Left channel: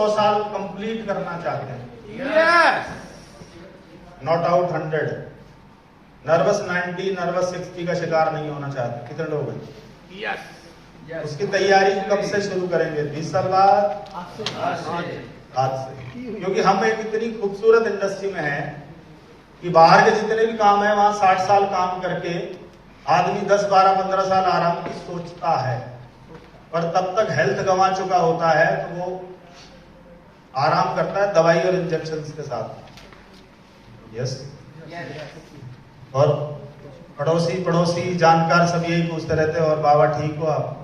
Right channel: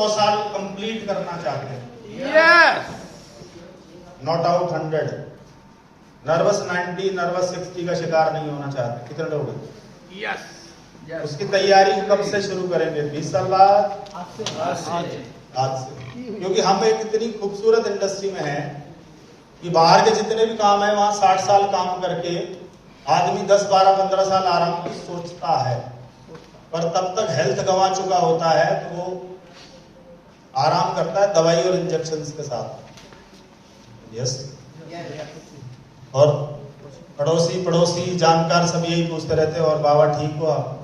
100 साल कंप्लीट करना चाहते हैं। Yes. Not out 100, nervous 90, nervous 60 का शिकार नहीं होना चाहते। कितने लोग हैं? यस। उसकी तैयारी कब से शुरू करेंगे? 20 साल आज से, क्योंकि हम एक इतनी खूबसूरत इंडस्ट्री में हैं कि बाहर के जितने भी काम है वहां 60 साल काम करके आदमी 10, 12, 15 साल आराम की सोचता है, पर तब तक हेल्थ गंवा चुका होता है तो वो आराम करता है दवाई और इंजेक्शन के साथ। यस। और पड़ोसी जानकार सब यही पूछते रहते हैं, और बाबा ठीक हो आप?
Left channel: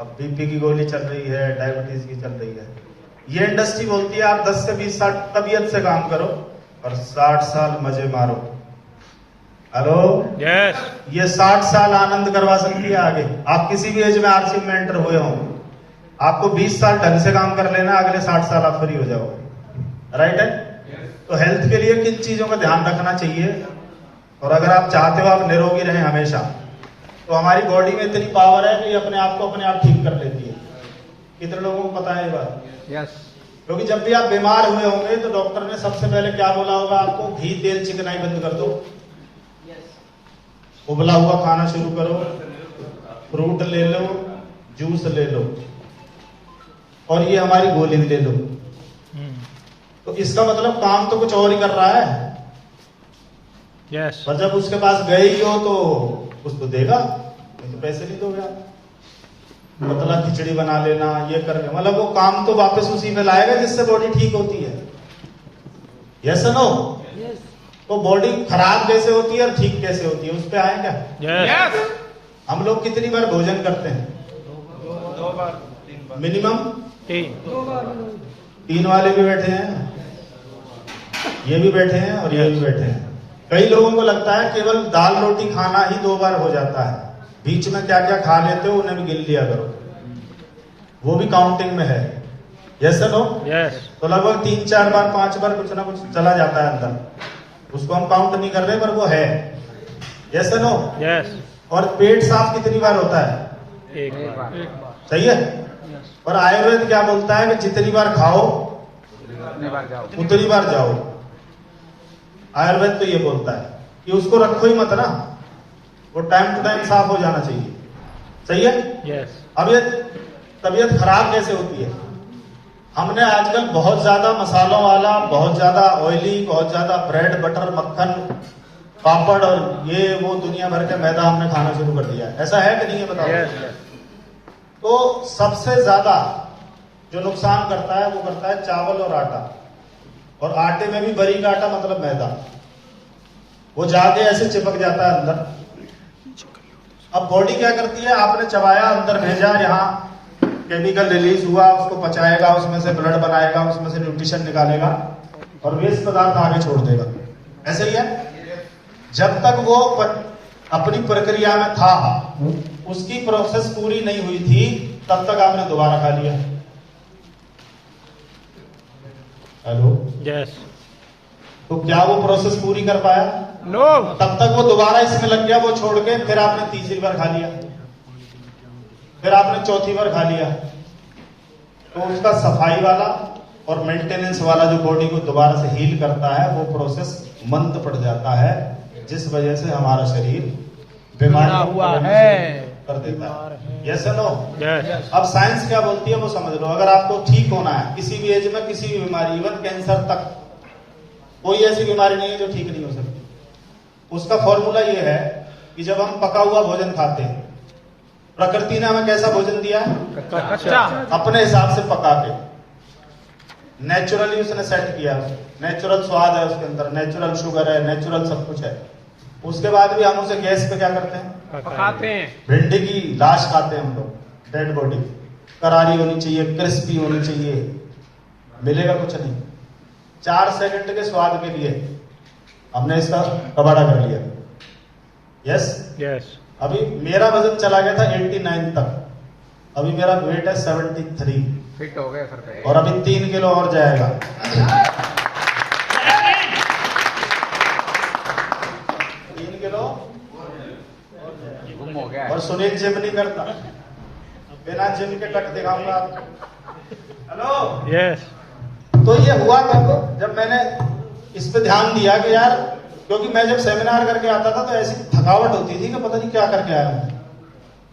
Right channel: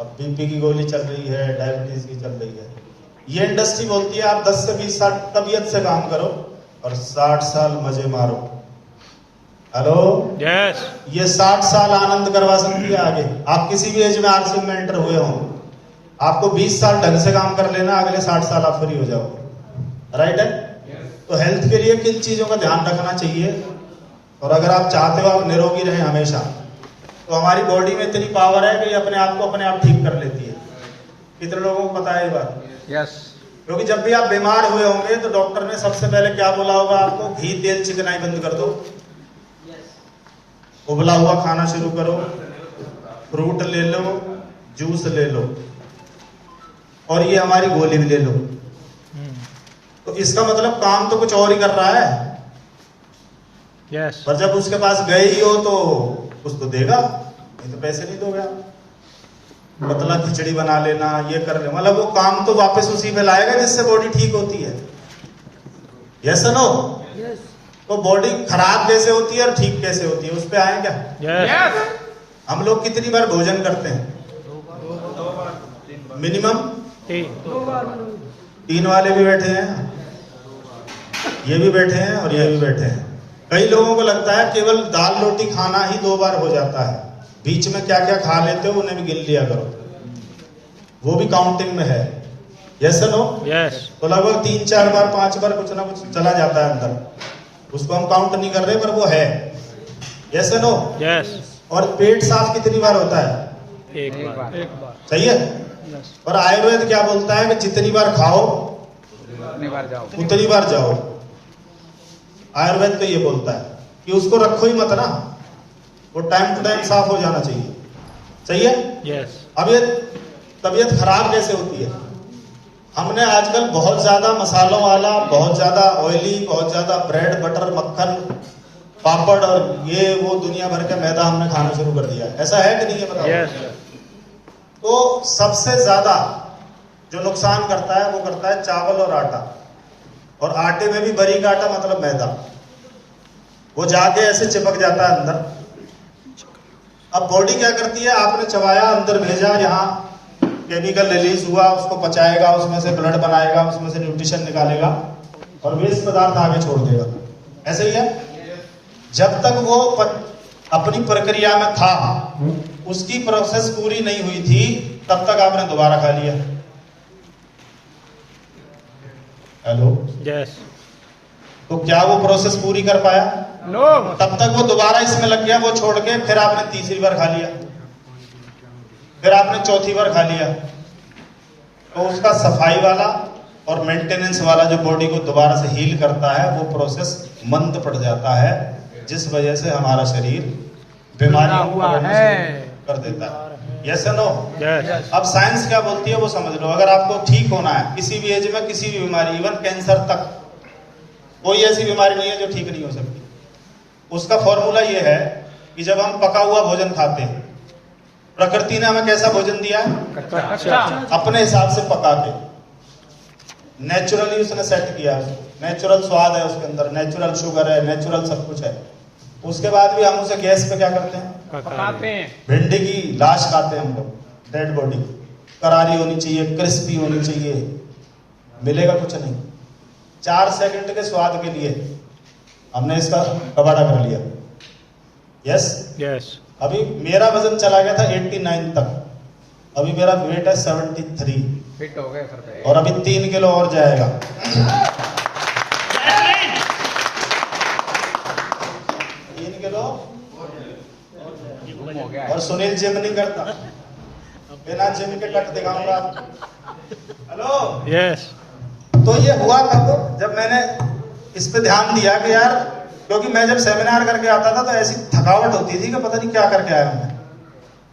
अब बीपी की गोली चल रही है, डायबिटीज की चल रही है। ये इंडस्ट्री बोलती है आप 10 से 20 साल तबीयत से काम करो और 60 साल मजे मारो। हेलो। यस। ये 60 साल आनंद करवा सकती है आगे। आप किसी भी एज में आरसीएम में एंटर हुए हो, आपको 20 साल ढंग से काम कर लेना, अगले 60 साल आप फ्री हो जाओगे। राइट है? तो हेल्थ के लिए किन चीजों का ध्यान रखना चाहिए? और अगर आप चाहते हो आप निरोगी रहें हमेशा, तो हमारी बॉडी में इतनी पावर है कि अपने आप को अपने आप ठीक कर लेती है। कितने लोगों को पता है ये बात? यस। क्योंकि जब भी आप बीमार हुए होंगे तो डॉक्टर ने सबसे पहले क्या बोला होगा आपको? घी तेल चिकनाई बंद कर दो, उबला हुआ खाना शुरू करो, फ्रूट ले लो, जूस ले लो, और ये हमारी गोली भी ले लो। तो इसका मतलब काम तो कुछ और ही कर रहा है। यस। पर जब उसके पास गए ही हो तो कुछ तो देगा, नहीं तो पैसे नहीं दोगे आप। पतला खिचड़ी बना लेना, ये कर लेना, मतलब वो काम तो वापस उसी में लाएगा जिससे बॉडी ठीक होती है। Yes no? तो बॉडी खराब कैसे होती है और ठीक कैसे होती है, उस पे आए क्या? यस। हम लोग कितनी बार भोजन करते हैं? मिनिमम 3 वाले भी बैठे हैं, ये भी बैठे हैं और ये भी बैठे हैं। कई लोगों को लगता है केवल दाल रोटी खाना ही 2 बार हो जाता है, बीच में क्या क्या खा लेते हो उन्हें भी गिन लिया करो, वो भी काउंटिंग में है। Yes no? यस। तो लगभग 3, 4 बार, 5 बार कुछ ना कुछ चला जाता है अंदर, उसको हम काउंट नहीं कर रहे पर वो है। Yes no? यस। और पेट साफ कितनी बार होता है? एक बार। सही है। और आयुर्वेद क्या बोलता है कि जितनी बार खाओ उतनी बार जाओ। आयुर्वेद तो ये बोलता है कि उसको रखो ही मत ना, वो टाइम टू टाइम साफ हो जाना चाहिए। सही है? यस। अब ये तबीयत खराब कैसे होती है? हमने आजकल बहुत ज्यादा मसालों वाला, बहुत ज्यादा ऑयली, बहुत ज्यादा ब्रेड बटर मक्खन पापड़ और ये वो दुनिया भर का मैदा हमने खाना शुरू कर दिया है। ऐसा है कि नहीं है? बताओ। यस। तो सबसे ज्यादा जो नुकसान करता है वो करता है चावल और आटा, और आटे में भी बारीक आटा मतलब मैदा, वो जाके ऐसे चिपक जाता है अंदर। अब बॉडी क्या करती है? आपने चबाया, अंदर भेजा, यहाँ केमिकल रिलीज हुआ, उसको पचाएगा, उसमें से ब्लड बनाएगा, उसमें से न्यूट्रिशन निकालेगा और वेस्ट पदार्थ आगे छोड़ देगा। ऐसे ही है। जब तक वो अपनी प्रक्रिया में था, उसकी प्रोसेस पूरी नहीं हुई थी, तब तक आपने दोबारा खा लिया। हेलो। यस। तो क्या वो प्रोसेस पूरी कर पाया? नो। तब तक वो दोबारा इसमें लग गया, वो छोड़ के फिर आपने तीसरी बार खा लिया, फिर आपने चौथी बार खा लिया। तो उसका सफाई वाला और मेंटेनेंस वाला जो बॉडी को दोबारा से हील करता है, वो प्रोसेस मंद पड़ जाता है, जिस वजह से हमारा शरीर बीमारी हुआ है कर देता है। Yes no? यस। अब साइंस क्या बोलती है वो समझ लो। अगर आपको ठीक होना है किसी भी एज में, किसी भी बीमारी, इवन कैंसर तक, कोई ऐसी बीमारी नहीं है जो ठीक नहीं हो सकती। उसका फॉर्मूला ये है कि जब हम पका हुआ भोजन खाते हैं, प्रकृति ने हमें कैसा भोजन दिया? अपने हिसाब से पका के, नेचुरली उसने सेट किया, नेचुरल स्वाद है उसके अंदर, नेचुरल शुगर है, नेचुरल सब कुछ है। उसके बाद भी हम उसे गैस पे क्या करते हैं? पकाते हैं। भिंडी की लाश खाते हैं हम लोग, डेड बॉडी, करारी होनी चाहिए, क्रिस्पी होनी चाहिए, मिलेगा कुछ नहीं। 4 सेकंड के स्वाद के लिए हमने इसका कबाड़ा कर लिया। यस? यस। अभी मेरा वजन चला गया था 89 तक, अभी मेरा वेट है 73, फिट हो गए सर पे, और अभी 3 किलो और जाएगा। 3 किलो गुम हो गया। और सुनील जिम नहीं करता, बिना जिम के टक दिखाऊंगा आपको। हेलो। यस। तो ये हुआ कब, जब मैंने इस पे ध्यान दिया कि यार, क्योंकि मैं जब सेमिनार करके आता था तो ऐसी थकावट होती थी कि पता नहीं क्या करके आया मैं।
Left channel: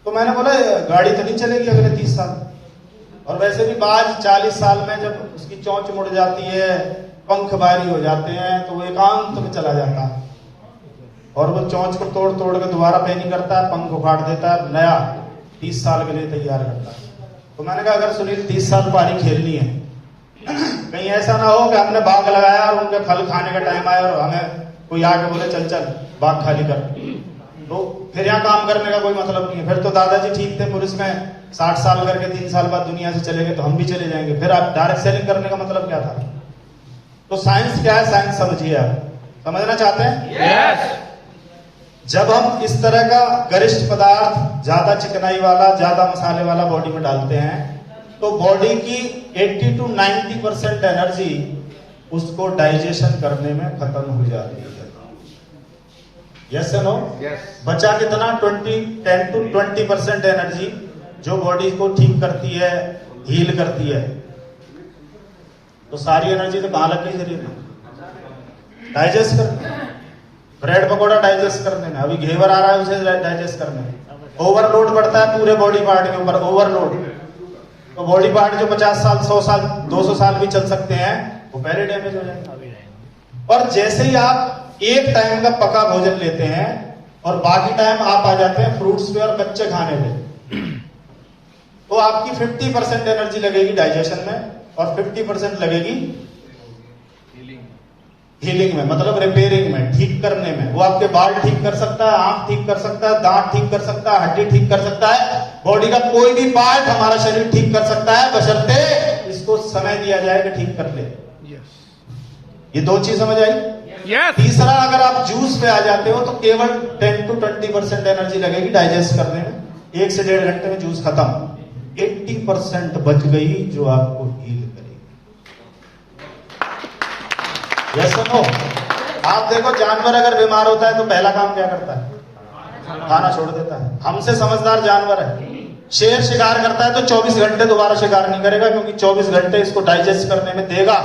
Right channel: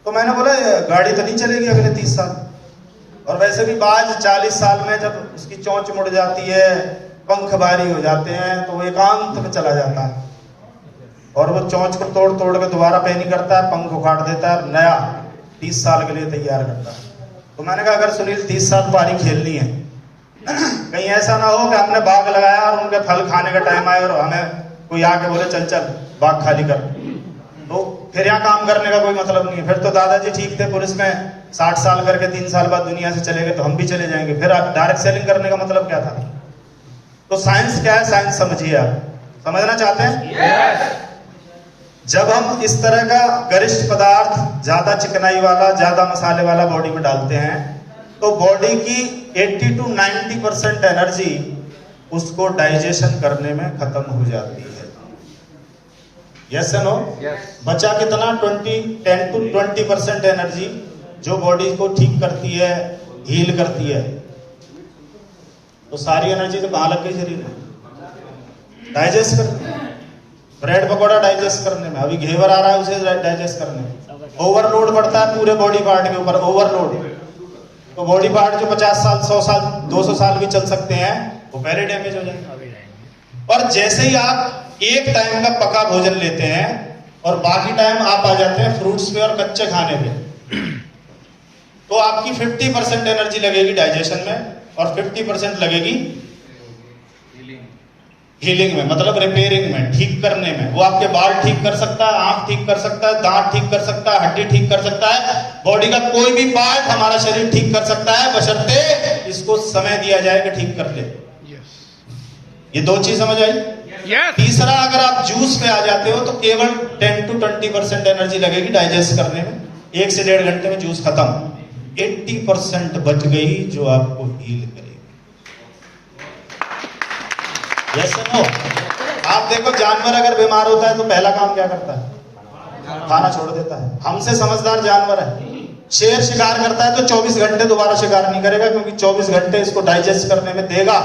तो मैंने बोला गाड़ी तो नहीं चलेगी अगले 30 साल, और वैसे भी बाज 40 साल में जब उसकी चोंच मुड़ जाती है, पंख भारी हो जाते हैं, तो वो एकांत में चला जाता है और वो चोंच को तोड़ तोड़ के दोबारा पैनी करता है, पंख उखाड़ देता है, नया 30 साल के लिए तैयार करता है। तो मैंने कहा अगर सुनील 30 साल पारी खेलनी है, कहीं ऐसा ना हो कि हमने बाग लगाया और उनके फल खाने का टाइम आया और हमें कोई आके बोले चल चल बाग खाली कर, तो फिर यहाँ काम करने का कोई मतलब नहीं है। फिर तो दादाजी ठीक थे, पुलिस में 60 साल करके 3 साल बाद दुनिया से चले गए, तो हम भी चले जाएंगे। फिर आप डायरेक्ट सेलिंग करने का मतलब क्या था? तो साइंस क्या है, साइंस समझिए। आप समझना चाहते हैं? यस। जब हम इस तरह का गरिष्ठ पदार्थ, ज्यादा चिकनाई वाला, ज्यादा मसाले वाला बॉडी में डालते हैं, तो बॉडी की 80 to 90% एनर्जी उसको डाइजेशन करने में खत्म हो जाती है। Yes no? बचा कितना? 10 to 20% एनर्जी जो बॉडी को ठीक करती है, हील करती है। तो सारी एनर्जी तो कहां लग गई शरीर में? डाइजेस्ट करने, ब्रेड पकौड़ा डाइजेस्ट करने में। अभी घेवर आ रहा है उसे डाइजेस्ट करने में। ओवरलोड पड़ता है पूरे बॉडी पार्ट के ऊपर, ओवरलोड। तो बॉडी पार्ट जो 50 साल, 100 साल, 200 साल भी चल सकते हैं, वो पहले डैमेज हो जाएंगे। और जैसे ही आप एक टाइम का पका भोजन लेते हैं और बाकी टाइम आप आ जाते हैं फ्रूट्स पे और कच्चे खाने पे, तो आपकी 50% एनर्जी लगेगी डाइजेशन में और 50% लगेगी हीलिंग में, मतलब रिपेयरिंग में, ठीक करने में। वो आपके बाल ठीक कर सकता है, आंख ठीक कर सकता है, दांत ठीक कर सकता है, हड्डी ठीक कर सकता है, बॉडी का कोई भी पार्ट हमारा शरीर ठीक कर सकता है, बशर्ते इसको समय दिया जाए कि ठीक कर ले। ये 2 चीज समझ आई? तीसरा, अगर आप जूस पे आ जाते हो तो केवल 10 to 20% एनर्जी लगेगी डाइजेस्ट करने में। 1 से 1.5 घंटे में जूस खत्म। 80% बच गई जो आपको हील करेगी। Yes no? आप देखो, जानवर अगर बीमार होता है तो पहला काम क्या करता है? खाना छोड़ देता है। हमसे समझदार जानवर है। शेर शिकार करता है तो 24 घंटे दोबारा शिकार नहीं करेगा, क्योंकि 24 घंटे इसको डाइजेस्ट करने में देगा।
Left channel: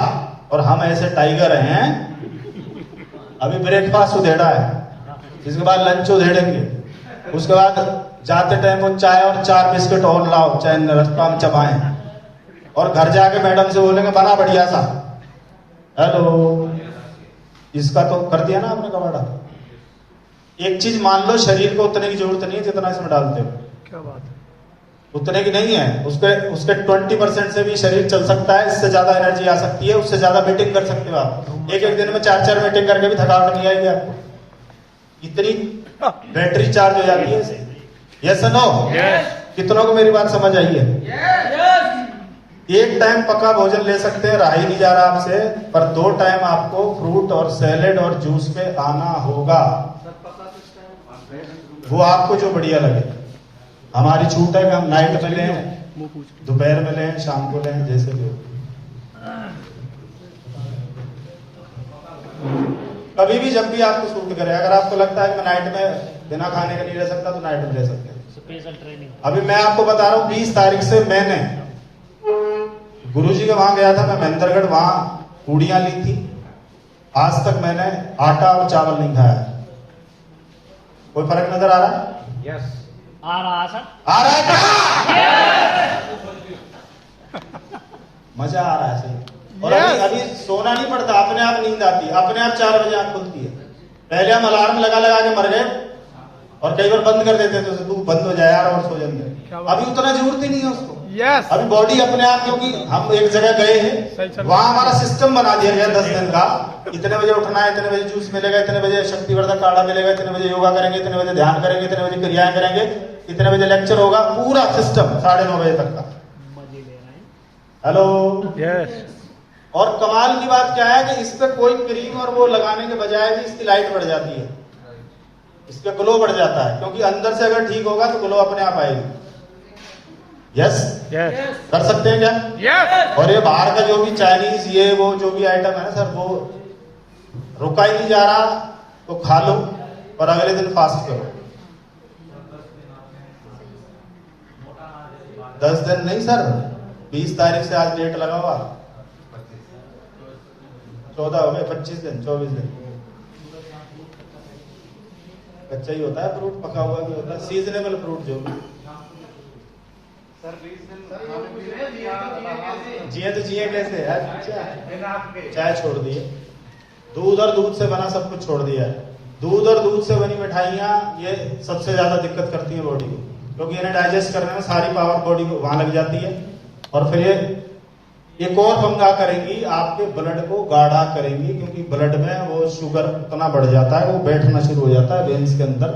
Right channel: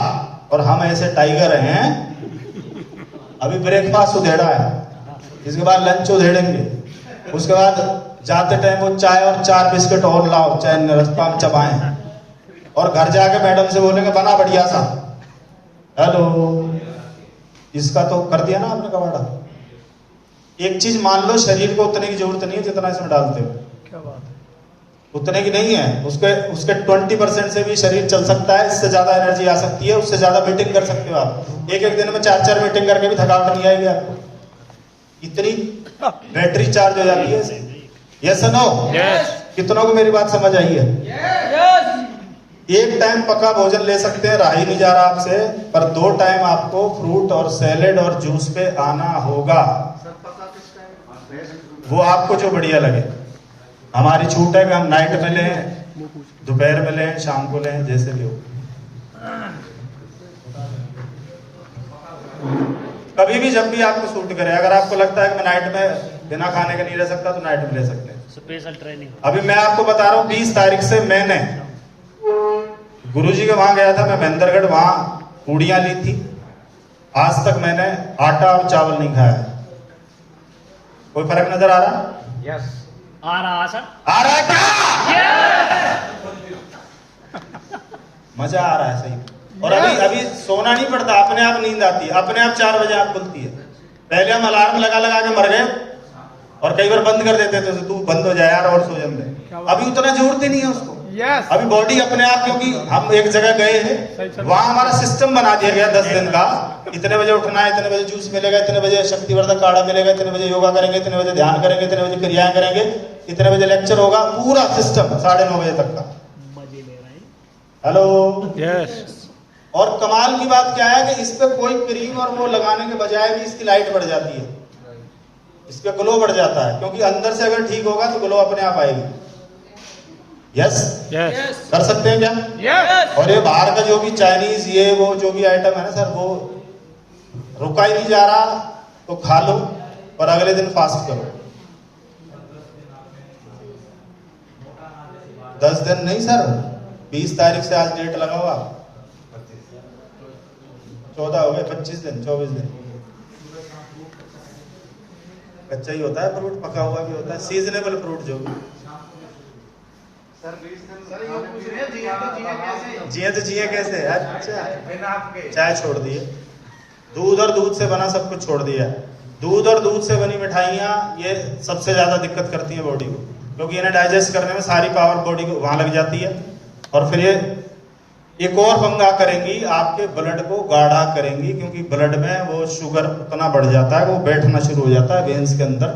और हम ऐसे टाइगर हैं, अभी ब्रेकफास्ट उधेड़ा है, इसके बाद लंच उधेड़ेंगे, उसके बाद जाते टाइम वो चाय और 4 बिस्किट और लाओ, चाहे रास्ता में चबाएं, और घर जाके मैडम से बोलेंगे बना बढ़िया सा। हेलो, इसका तो कर दिया ना आपने कबाड़ा। एक चीज मान लो, शरीर को उतने की जरूरत नहीं है जितना इसमें डालते हो। क्या बात है? उतने की नहीं है। उसके 20% से भी शरीर चल सकता है, इससे ज्यादा एनर्जी आ सकती है, उससे ज्यादा मीटिंग कर सकते हो आप। एक दिन में 4 मीटिंग करके भी थकावट नहीं आएगी आपको, इतनी बैटरी चार्ज हो जाती है इससे। Yes no? कितनों को मेरी बात समझ आई है? एक टाइम पका भोजन ले सकते हैं, रहा ही नहीं जा रहा आपसे, पर 2 टाइम आपको फ्रूट और सैलेड और जूस पे आना होगा। वो आपको जो बढ़िया लगे। हमारी छूट है कि हम नाइट में लें, दोपहर में लें, शाम को लें, जैसे भी हो। कभी भी जब भी आपको सूट करे। अगर आपको लगता है कि मैं नाइट में बिना खाने का नहीं रह सकता, तो नाइट में ले सकते हैं। Special training. अभी मैं आपको बता रहा हूँ, 20 तारीख से मैंने गुरुजी के वहां गया था, मैं महेंद्रगढ़, वहां पूड़ियां ली थी। आज तक मैंने आटा और चावल नहीं खाया। कोई फर्क नजर आ रहा? यस। आ रहा सर? आ रहा है क्या? मजा आ रहा है सही। और अभी सोना नहीं पड़ता, अपने आप नींद आती है, अपने आप 4 बजे आंख खुलती है। पहले हम अलार्म लगा लगा के मर गए और कई बार बंद कर देते थे, तू बंद हो जाए यार और सो जाते। अभी उतना जरूरत ही नहीं है उसको। अभी बॉडी अपने आप, क्योंकि हम एक जगह गए हैं, वहां हमारा सिस्टम बना दिया गया 10 दिन का। इतने बजे उठना है, इतने बजे जूस मिलेगा, इतने बजे शक्तिवर्धक काढ़ा मिलेगा, इतने बजे योगा करेंगे, इतने बजे ध्यान करेंगे, इतने बजे क्रियाएं करेंगे, इतने बजे लेक्चर होगा, पूरा सिस्टम 9:30 बजे तक का। हेलो? यस। और कमाल की बात क्या है कि इस पे कोई क्रीम और वो लगाने के बजाय भी इसकी लाइट बढ़ जाती है, इसका ग्लो बढ़ जाता है, क्योंकि अंदर से अगर ठीक होगा तो ग्लो अपने आप आएगी। यस? यस। कर सकते हैं क्या? यस। और ये बाहर का जो भी चाइनीज ये वो जो भी आइटम है ना सर, वो रुका ही नहीं जा रहा, तो खा लो और अगले दिन फास्ट करो। 10 दिन नहीं सर, 20 तारीख से आज डेट लगा हुआ, 14 हो गए, 25 दिन 24 दिन। कच्चा ही होता है फ्रूट, पका हुआ भी होता है, सीजनेबल फ्रूट जो भी। जिए तो जिए कैसे? अच्छा, चाय छोड़ दिए, दूध और दूध से बना सब कुछ छोड़ दिया। दूध और दूध से बनी मिठाइयाँ ये सबसे ज्यादा दिक्कत करती है बॉडी को, क्योंकि इन्हें डाइजेस्ट करने में सारी पावर बॉडी को वहां लग जाती है। और फिर ये एक और पंगा करेंगी, आपके ब्लड को गाढ़ा करेंगी, क्योंकि ब्लड में वो शुगर उतना बढ़ जाता है, वो बैठना शुरू हो जाता है वेन्स के अंदर।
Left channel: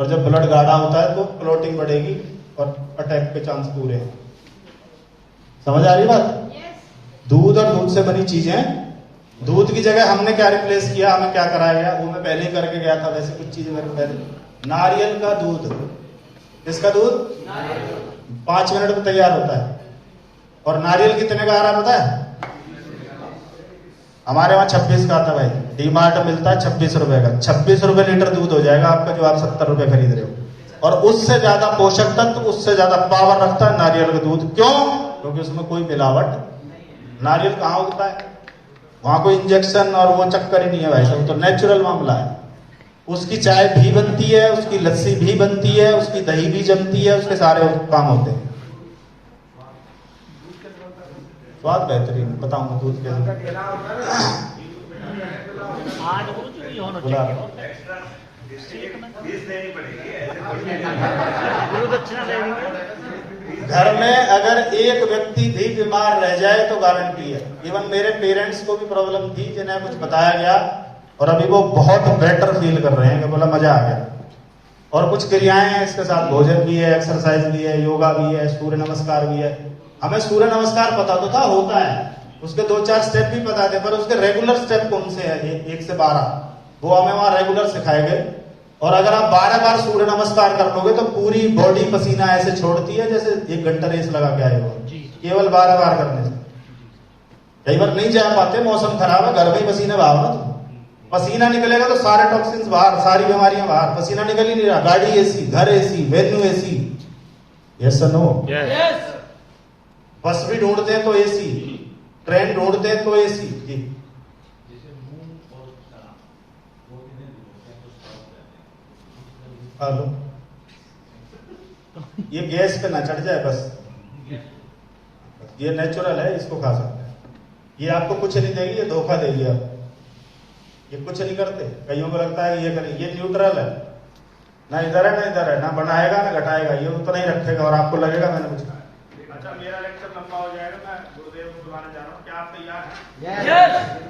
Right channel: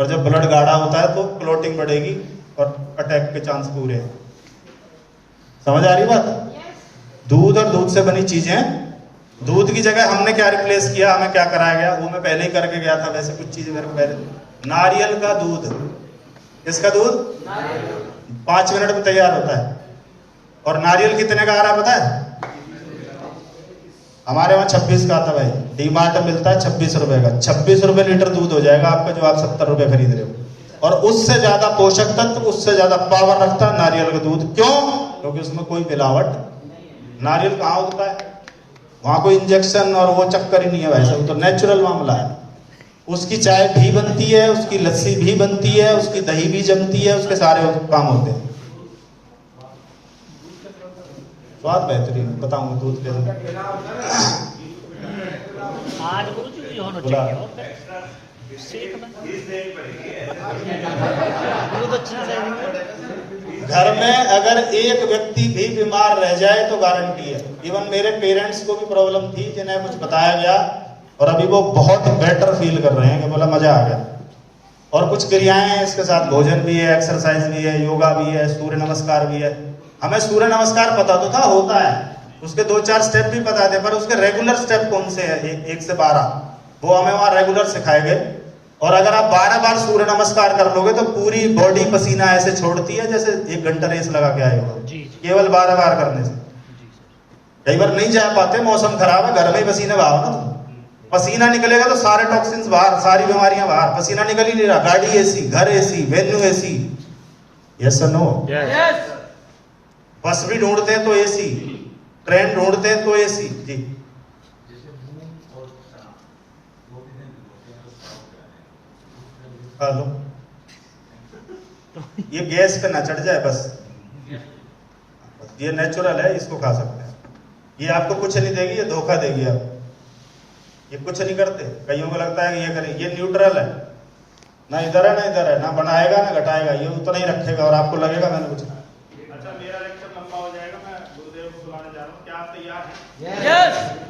और जब ब्लड गाढ़ा होता है तो क्लोटिंग बढ़ेगी और अटैक के चांस पूरे हैं। समझ आ रही बात? दूध और दूध से बनी चीजें, दूध की जगह हमने क्या रिप्लेस किया, हमें क्या कराया गया, वो मैं पहले ही करके गया था। वैसे कुछ चीज मेरे को पहले, नारियल का दूध, इसका दूध 5 मिनट में तैयार होता है। और नारियल कितने का आ रहा है पता है? हमारे वहां 26 का आता भाई, डीमार्ट में मिलता है 26 रुपए का। 26 रुपए लीटर दूध हो जाएगा आपका, जो आप 70 रुपए खरीद रहे हो। और उससे ज्यादा पोषक तत्व, उससे ज्यादा पावर रखता है नारियल का दूध। क्यों? क्योंकि उसमें कोई मिलावट। नारियल कहाँ उगता है? वहां कोई इंजेक्शन और वो चक्कर ही नहीं है भाई, सब तो नेचुरल मामला है। उसकी चाय भी बनती है, उसकी लस्सी भी बनती है, उसकी दही भी जमती है, उसके सारे काम होते हैं। स्वाद बेहतरीन, बताऊंगा दूध के घर में अगर एक व्यक्ति भी बीमार रह जाए तो गारंटी है। इवन मेरे पेरेंट्स को भी प्रॉब्लम थी, जिन्हें कुछ बताया गया और अभी वो बहुत बेटर फील कर रहे हैं कि बोला मजा आ गया। और कुछ क्रियाएं हैं इसके साथ, भोजन भी है, एक्सरसाइज भी है, योगा भी है, सूर्य नमस्कार भी है। हमें सूर्य नमस्कार पता तो था होता है, उसके 2-4 स्टेप भी पता थे, पर उसके रेगुलर स्टेप कौन से हैं 1 से 12, वो हमें वहां रेगुलर सिखाए गए। और अगर आप 12 बार सूर्य नमस्कार कर लोगे तो पूरी बॉडी पसीना ऐसे छोड़ती है जैसे 1 घंटा रेस लगा के आए हो, केवल 12 बार करने से। कई बार नहीं जा पाते, मौसम खराब है, घर में ही पसीने बहाओ ना, तो पसीना निकलेगा तो सारे टॉक्सिन्स बाहर, सारी बीमारियां बाहर। पसीना निकल ही नहीं रहा, गाड़ी एसी, घर एसी, वेन्यू एसी, यस और नो? बस भी ढूंढते हैं तो एसी, ट्रेन ढूंढते हैं तो एसी। जी हेलो, ये गैस पे ना चढ़ जाए बस, ये नेचुरल है, इसको खा सकते हैं। ये आपको कुछ नहीं देगी, ये धोखा देगी। आप ये कुछ नहीं करते, कईयों को लगता है कि ये करें, ये न्यूट्रल है, ना इधर है ना इधर है, ना बढ़ाएगा ना घटाएगा, ये उतना ही रखेगा और आपको लगेगा मैंने कुछ। अच्छा, मेरा लेक्चर लंबा हो जाएगा, मैं गुरुदेव को बुलाने जा रहा हूँ, क्या आप तैयार हैं?